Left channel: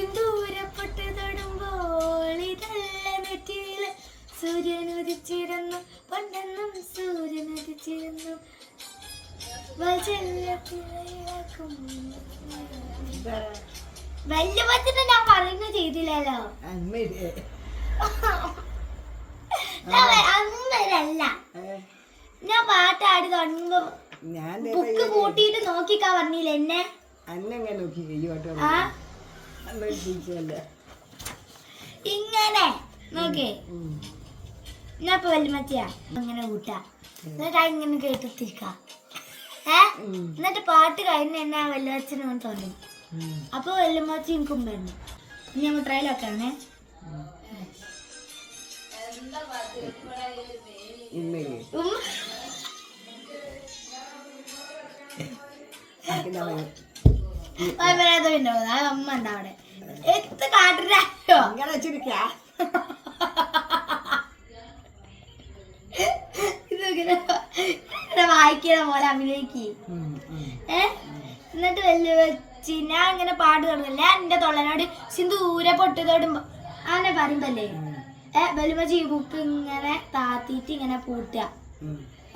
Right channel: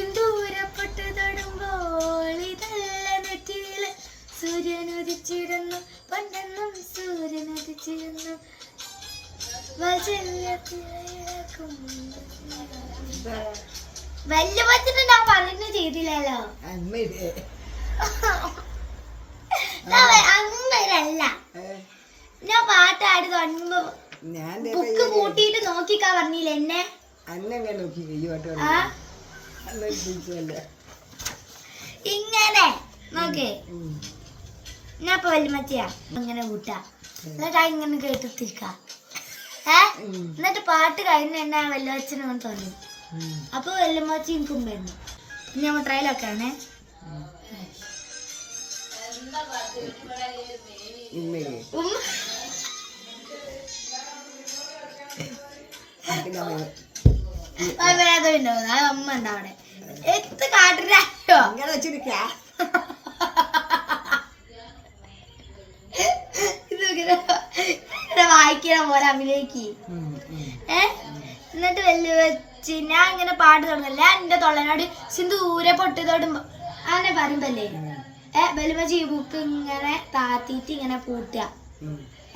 സിന്ദൂരപ്പെട്ട് തൊടുമ്പോൾ ഇതല്ല നെറ്റിയില് സൂര്യനുദിച്ചിരുന്നു പണ്ടെന്നും സൂര്യനുദിച്ചിരുന്നു വലിയ പറ്റിട്ട് ഞാൻ പറയുന്ന ചെയ്തില്ലല്ലോ അങ്ങനല്ല ഞാൻ പാട്ടാടി തുടങ്ങുമ്പോ ബുക്ക് കൂട്ടിയിട്ട് നോക്കിക്കാ പറഞ്ഞില്ല എന്നെ ഇങ്ങനെ നോക്കേ ഞാൻ ഇപ്പൊ വല്യമ്മച്ചിയാ ഇങ്ങനെ കൂട്ടാ എന്നിട്ട് ഇങ്ങനെ കേട്ടിരിക്ക എന്നിട്ട് പാട്ട് കഴിഞ്ഞ എന്നെ വല്യച്ഛനും തോന്നും അപ്പൊ വല്യമ്മച്ചി എനിക്കും വരുന്നു പിന്നെ നമ്മൾ ട്രയലൊക്കെ ആണേ അമ്മ എന്താ അവിടെ എത്ത് കാട്ടിട്ടോ ഇതൊക്കെ വായിക്കണ പോലെ അഭിനയിക്ക് എന്നിട്ട് വലിയ വെച്ച് ഞാൻ ഇങ്ങനെ പാട്ട് തുടങ്ങില്ല ഞാൻ എന്റെ തൊള്ളനോട് സിന്ദൂരെ പൊട്ട് തൊടുമ്പോ അങ്ങനെ പറയുമ്പല്ലേ വലിയ ബുക്ക് ഇങ്ങനെ താത്തിട്ട് ഇങ്ങനെ പൂട്ടുക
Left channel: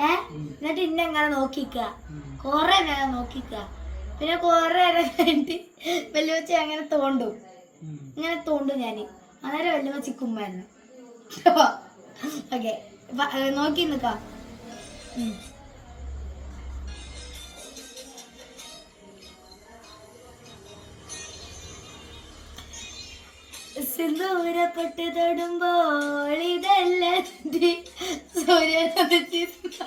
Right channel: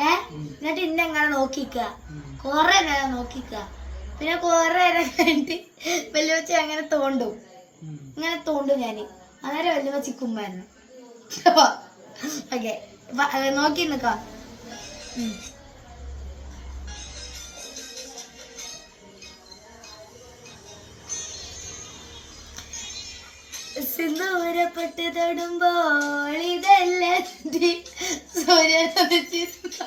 എന്നിട്ട് ഇന്നെ ഇങ്ങനെ നോക്കിക്ക കൊറേ നേരം നോക്കിക്ക പിന്നെ കൊറേ നേരം കഴിഞ്ഞിട്ട് വല്യമ്മച്ചി അങ്ങനെ തോണ്ടും ഇങ്ങനെ തോണ്ടും ഞാന് അന്നേരം വല്യമ്മച്ചി കുമ്മായിരുന്നു ഓക്കെ നോക്കി നിക്ക സിന്ദൂരപ്പെട്ട് തൊടുമ്പോൾ ഇതല്ല സൂര്യനുദിച്ചിരുന്നു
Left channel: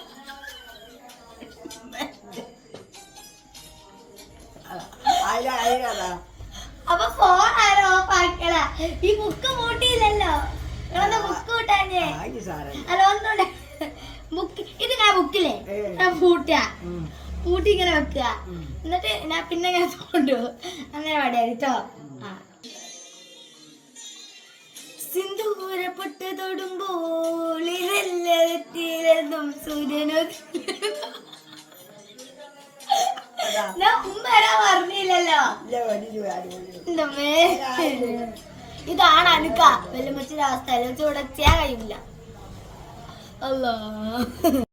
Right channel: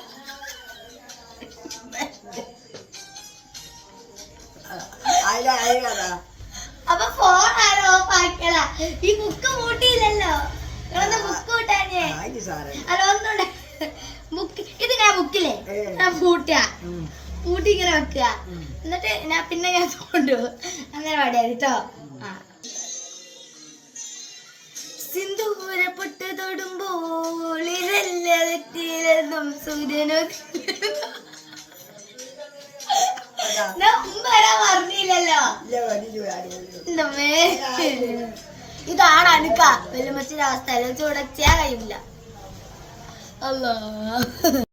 അപ്പൊ ഫോൺ ആരോ ഓഫാക്കല ഈ ബുക്ക് കൂട്ടിയില്ലല്ലോ ബുക്ക് കൂട്ടാഞ്ഞേ അല്ല ഒന്നുണ്ട് ബുക്ക് ഇത് ഞാൻ ബുക്കില്ലേ പൂട്ടി ഇങ്ങനെ വെക്കുക എന്നിട്ട് ഞാൻ പിന്നെ ഞാൻ കൊണ്ടു അങ്ങനെ പാടിയാ കേട്ടോ സിന്ദൂരപ്പെട്ട് തൊടുമ്പോൾ ഇതെല്ലാം സൂര്യനോ പറഞ്ഞില്ലല്ലോ ഇതാണ് അനുക്ക വല്യമ്മച്ചിന്റെ അവസ്ഥ ചൂടച്ചാ കഴിയില്ല അല്ലോ